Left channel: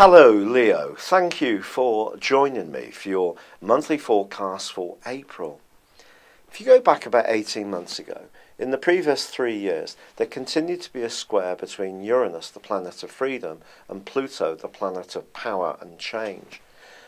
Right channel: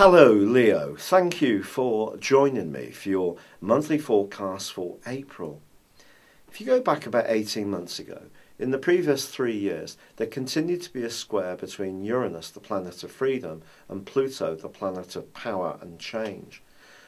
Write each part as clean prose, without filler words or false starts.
Hello Leo, thank you for joining me for your monthly forecast for April. If you go back about 18 months ago, in the previous 3 years, there continued to be a square between Uranus, the planet of freedom, and Pluto, the planet of power and change.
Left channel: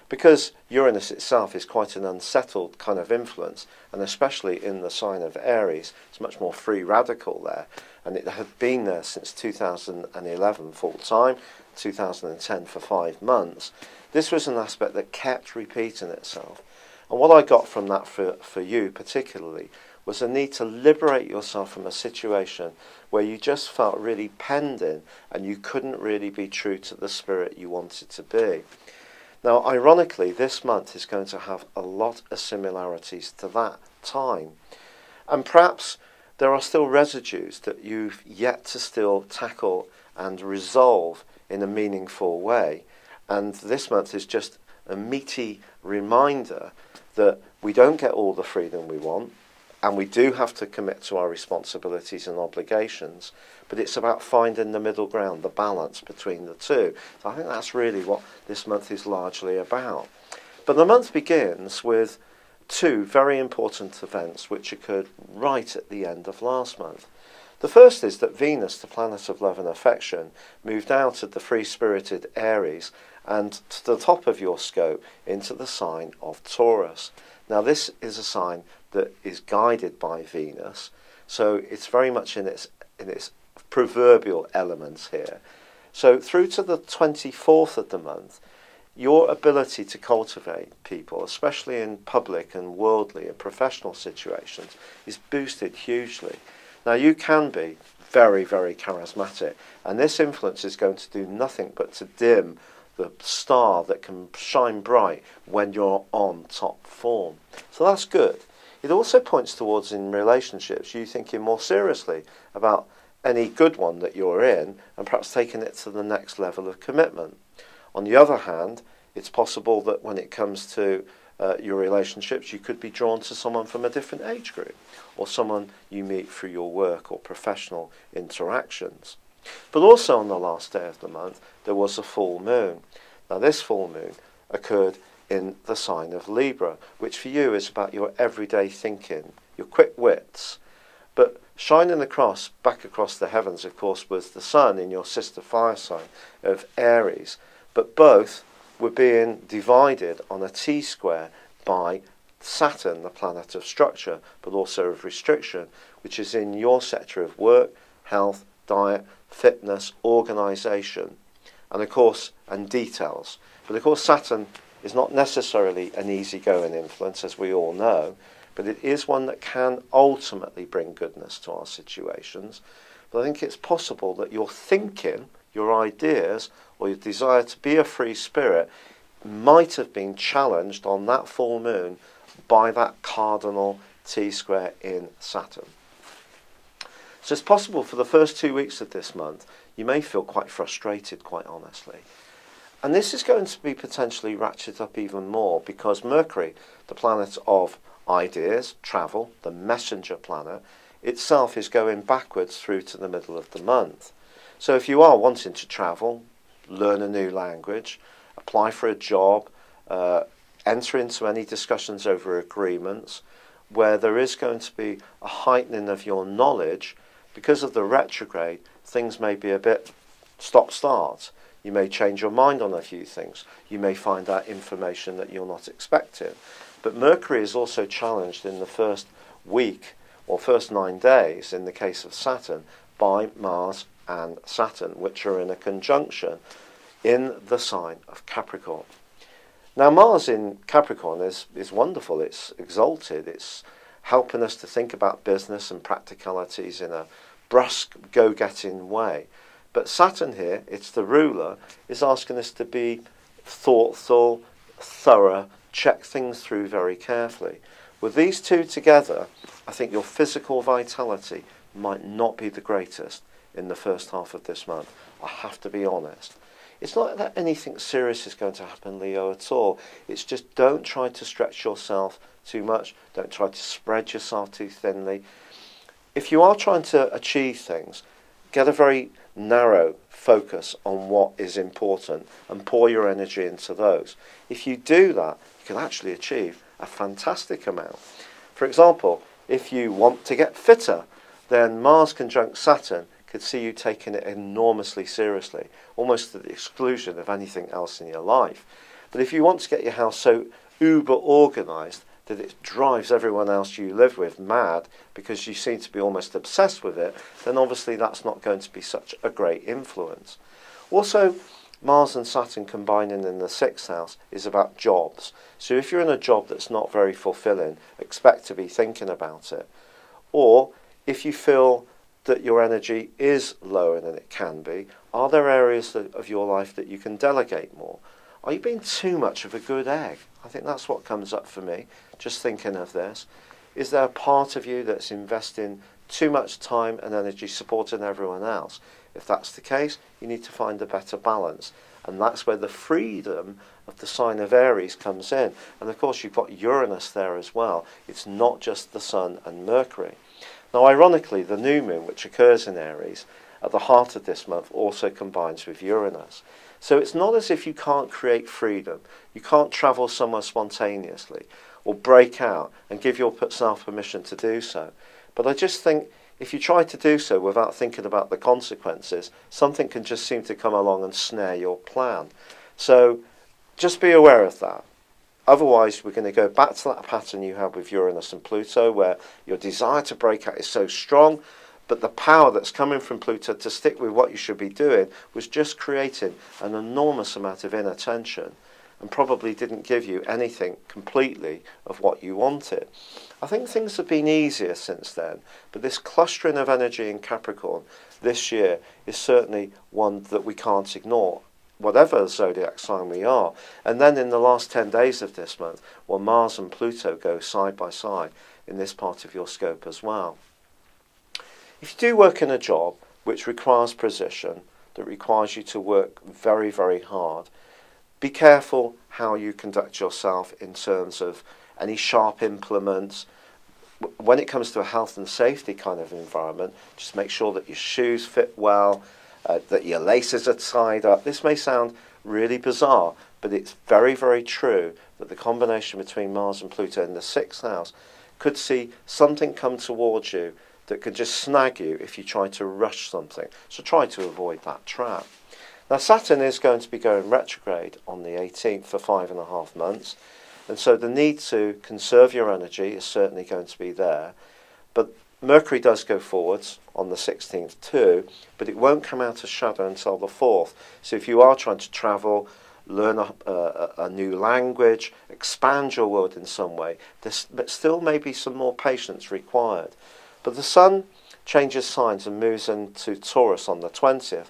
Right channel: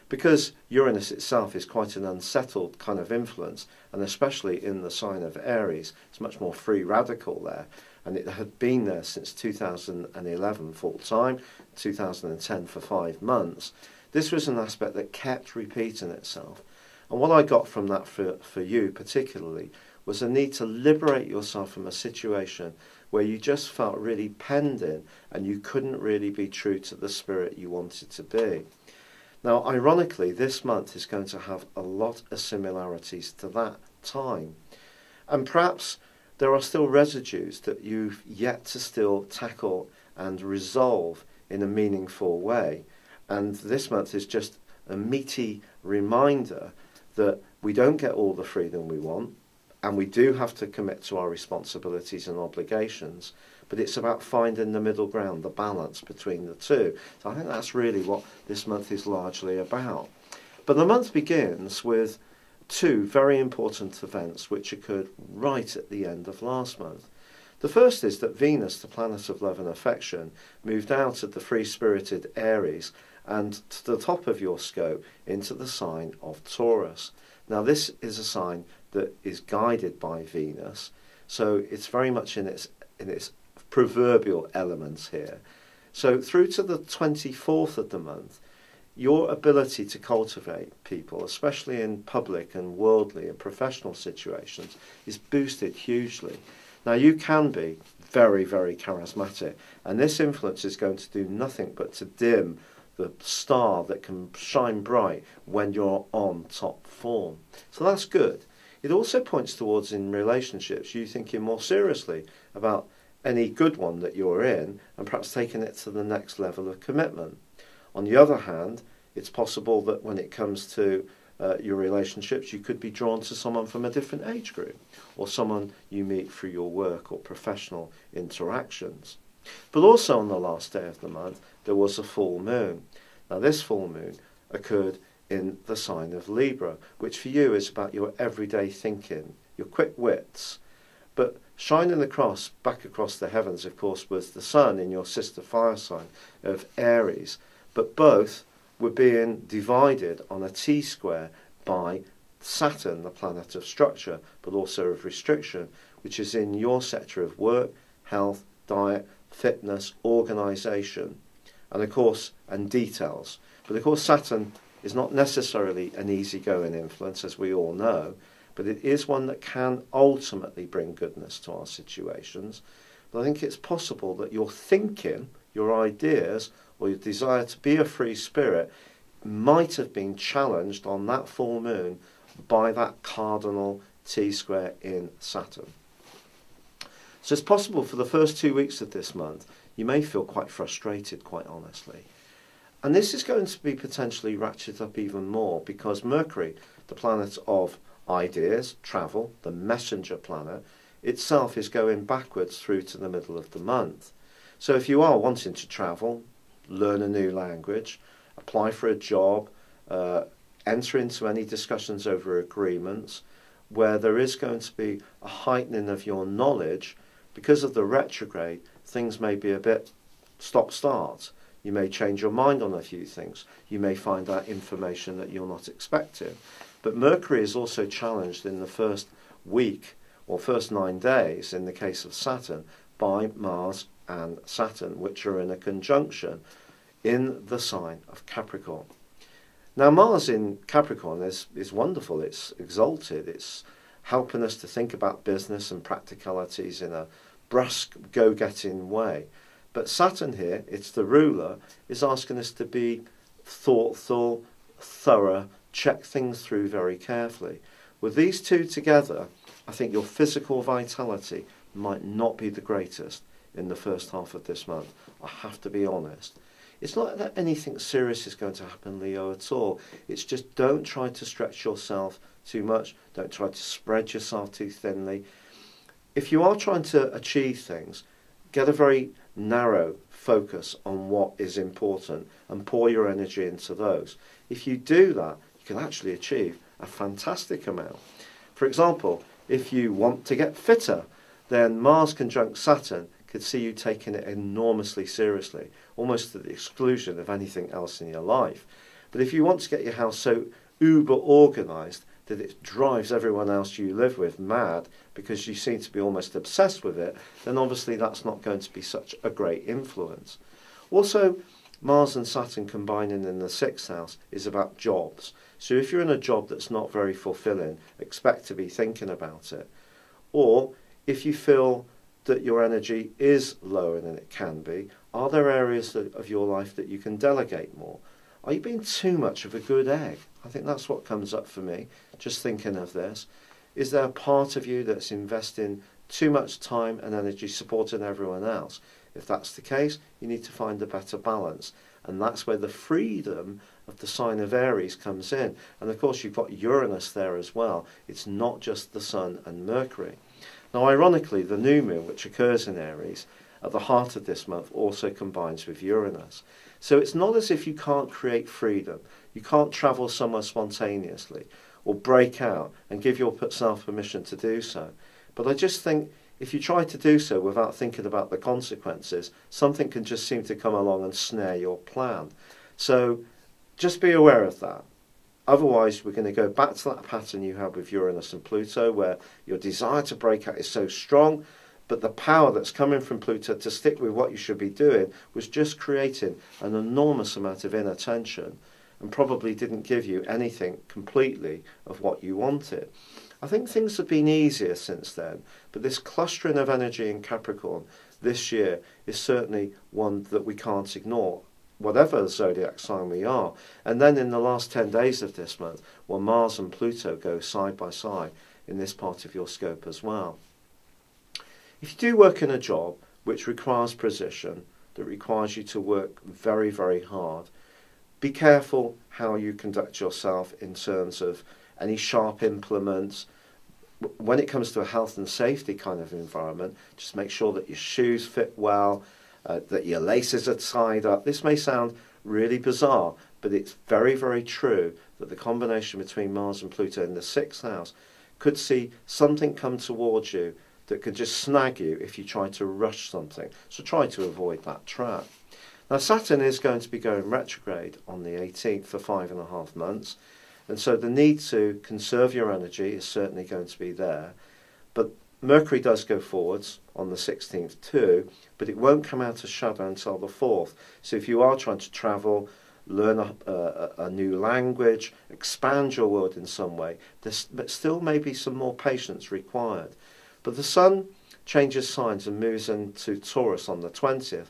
Because Uranus itself is quite an unsettled kind of influence, and especially in the sign of Aries, it's much more free radical there, and it had been there since 2011 full time, 2010 for 5 months. This was an aspect that kept repeating itself. And what I got from that for you particularly was a need to liberate yourself from a situation where you just felt really penned in and you couldn't really be true to the spirit you wanted to be. Now, ironically, this month is going to have a lot of similarities to that time. And perhaps there are still residues that you've yet to still tackle and resolve in a meaningful way. And this month is just a meaty reminder that we don't get all the freedom we want, and we do have to commit to our responsibilities and obligations, but it's about finding the middle ground, the balance between the two. So I think that's really what this month is largely about. But the month begins with two very important events which occurred right at the end of last month. The first is that Venus, the planet of love and affection, moved out of the free-spirited Aries and to the top of your scope into the sign of Taurus. Now this is a sign that is guided by Venus, so it's very much in its proverbial elements here. So through to the 24th of the month, your ability to cultivate people, especially in public and worldly and professional situations, is boosted hugely. Now you can be very, very charismatic, and this influence is going to do nothing but to dim the star that can shine bright when you're on top form. So that's good. It also points towards, in relationships, you thinking more seriously about any good one that you're in and perhaps taking it to the next level of commitment. On the other hand, it's possible that when it comes to your relationships, you could be drawn to someone from a different age group or someone you meet through your work or professional interactions. But also on the last day of the month, there was a full moon. Now this full moon occurred in the sign of Libra, which for you is about your everyday thinking, your quick wits. But shining back across the heavens, of course, was the sun in your sister fire sign of Aries. But both were being divided on a T-square by Saturn, the planet of structure, but also of restriction, which is in your sector of work, health, diet, fitness, organisation, and of course, and details. But of course, Saturn is not necessarily an easygoing influence, as we all know, but it is one that can ultimately bring goodness to our situations. But I think it's possible that your thinking, your ideas, or your desire to be a free spirit might have been challenged on that full moon by that cardinal T-square in Saturn. So it's possible for the first 2 weeks of this month, you may feel quite frustrated, quite honestly. And this is going to be potentially ratcheted up even more because Mercury, the planet of ideas, travel, the messenger planet, itself is going backwards through to the middle of the month. So if you are wanting to travel, learn a new language, apply for a job, enter into any discussions over agreements, where there is going to be a heightening of your knowledge, because of the retrograde, things may be a bit stop-start. You may change your mind on a few things. You may find out information that you're not expecting. But Mercury is also challenged in the first week, or first 9 days, in the case of Saturn, by Mars and Saturn, which are in a conjunction in the sign of Capricorn. Now, Mars in Capricorn is wonderful. It's exalted. It's helping us to think about business and practicalities in a brusque, go-getting way. But Saturn here, it's the ruler, is asking us to be thoughtful, thorough, check things through very carefully. With these two together, I think your physical vitality might not be the greatest in the first half of this month. I have to be honest. It's not that anything serious is going to happen, Leo, at all. It's just don't try to stretch yourself too much. Don't try to spread yourself too thinly. If you are trying to achieve things, get a very narrow focus on what is important and pour your energy into those. If you do that, you can actually achieve a fantastic amount. For example, if you want to get fitter, then Mars conjunct Saturn could see you taking it enormously seriously, almost to the exclusion of anything else in your life. But if you want to get your house so uber organised that it drives everyone else you live with mad because you seem to be almost obsessed with it, then obviously that's not going to be such a great influence. Also, Mars and Saturn combining in the 6th house is about jobs. So if you're in a job that's not very fulfilling, expect to be thinking about it. Or if you feel that your energy is lower than it can be, are there areas of your life that you can delegate more? Are you being too much of a good egg? I think that's what comes up for me, just thinking of this. Is there a part of you that's investing too much time and energy supporting everyone else? If that's the case, you need to find a better balance. And that's where the freedom of the sign of Aries comes in. And of course, you've got Uranus there as well. It's not just the Sun and Mercury. Now, ironically, the new moon, which occurs in Aries, at the heart of this month, also combines with Uranus. So it's not as if you can't create freedom. You can't travel somewhere spontaneously or break out and give yourself permission to do so. But I just think if you try to do so without thinking about the consequences, something can just seem to come along and snare your plan. So just be aware of that. Otherwise, we're going to go back to that pattern you had with Uranus and Pluto, where your desire to break out is so strong, but the power that's coming from Pluto to stick with what you should be doing was just creating an enormous amount of inattention and probably didn't give you anything completely of what you wanted. I think things have been easier since then, but this clustering of energy in Capricorn this year is certainly one that we can't ignore, whatever zodiac sign we are. And then in the last 10 days of this month, well, Mars and Pluto go side by side in this part of your scope as well. If you do work in a job which requires precision, that requires you to work very, very hard, be careful how you conduct yourself in terms of any sharp implements. When it comes to a health and safety kind of environment, just make sure that your shoes fit well, that your laces are tied up. This may sound really bizarre, but it's very, very true that the combination between Mars and Pluto in the 6th house could see something come towards you that could just snag you if you try to rush something. So try to avoid that trap. Now, Saturn is going to be going retrograde on the 18th for 5.5 months. And so the need to conserve your energy is certainly going to be there. But Mercury does go forwards on the 16th too, but it won't come out of shadow until the 4th. So if you are trying to travel, learn a new language, expand your world in some way, there still may be some more patience required. But the Sun changes signs and moves into Taurus on the 20th,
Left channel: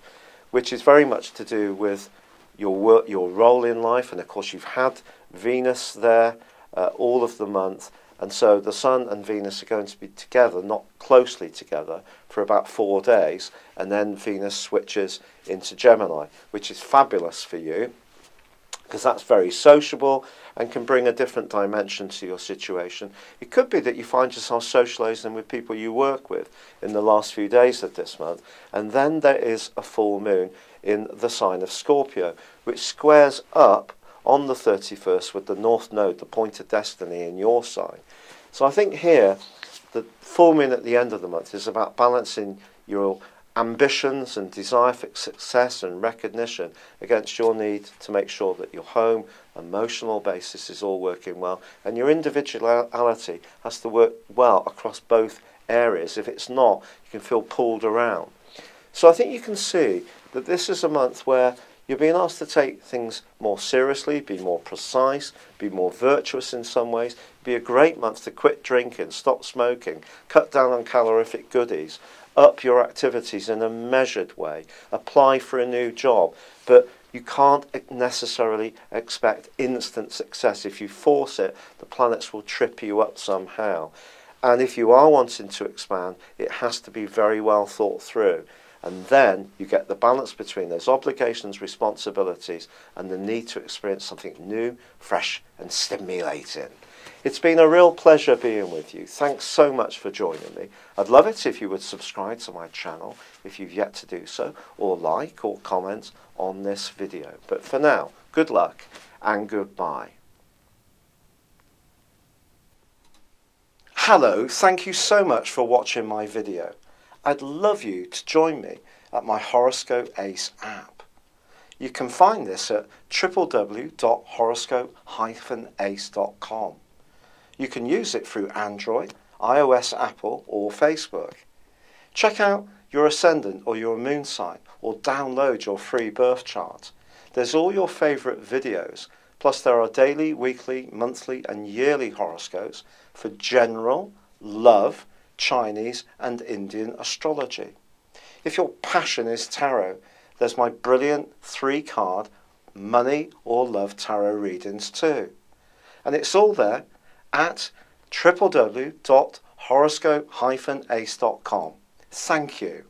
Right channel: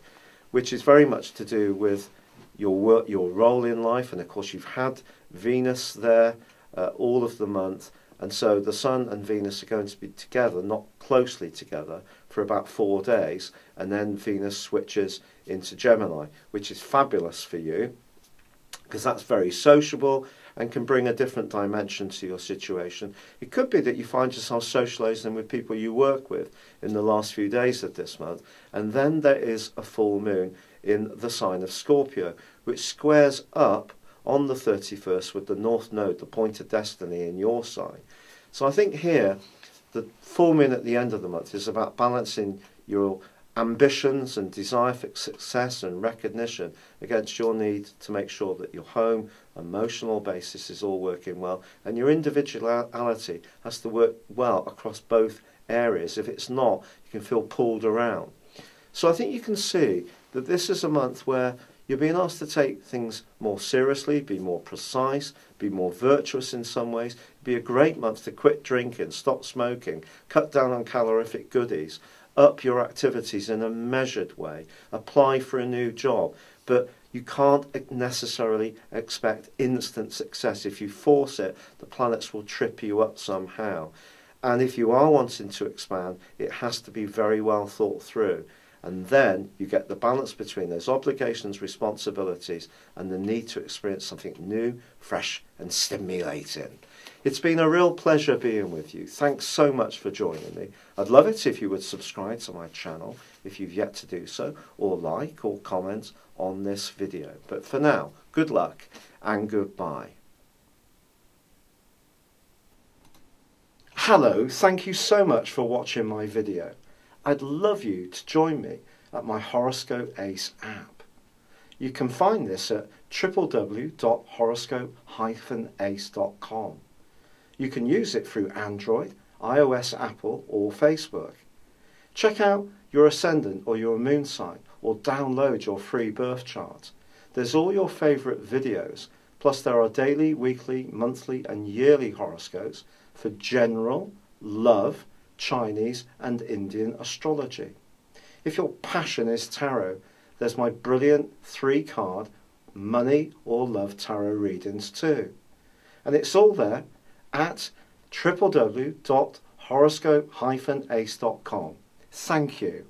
which is very much to do with your work, your role in life. And of course, you've had Venus there all of the month. And so the Sun and Venus are going to be together, not closely together, for about 4 days. And then Venus switches into Gemini, which is fabulous for you, because that's very sociable and can bring a different dimension to your situation. It could be that you find yourself socialising with people you work with in the last few days of this month. And then there is a full moon in the sign of Scorpio, which squares up on the 31st with the North Node, the point of destiny in your sign. So I think here, the full moon at the end of the month is about balancing your ambitions and desire for success and recognition against your need to make sure that your home, emotional basis is all working well, and your individuality has to work well across both areas. If it's not, you can feel pulled around. So I think you can see that this is a month where you're being asked to take things more seriously, be more precise, be more virtuous in some ways. Be a great month to quit drinking, stop smoking, cut down on calorific goodies, up your activities in a measured way, apply for a new job. But you can't necessarily expect instant success. If you force it, the planets will trip you up somehow. And if you are wanting to expand, it has to be very well thought through. And then you get the balance between those obligations, responsibilities, and the need to experience something new, fresh, and stimulating. It's been a real pleasure being with you. Thanks so much for joining me. I'd love it if you would subscribe to my channel if you've yet to do so, or like or comment on this video. But for now, good luck and goodbye. Hello, thank you so much for watching my video. I'd love you to join me at my Horoscope Ace app. You can find this at www.horoscope-ace.com. You can use it through Android, iOS, Apple or Facebook. Check out your ascendant or your moon sign or download your free birth chart. There's all your favourite videos, plus there are daily, weekly, monthly and yearly horoscopes for general, love, Chinese and Indian astrology. If your passion is tarot, there's my brilliant 3-card money or love tarot readings too. And it's all there at www.horoscope-ace.com. Thank you.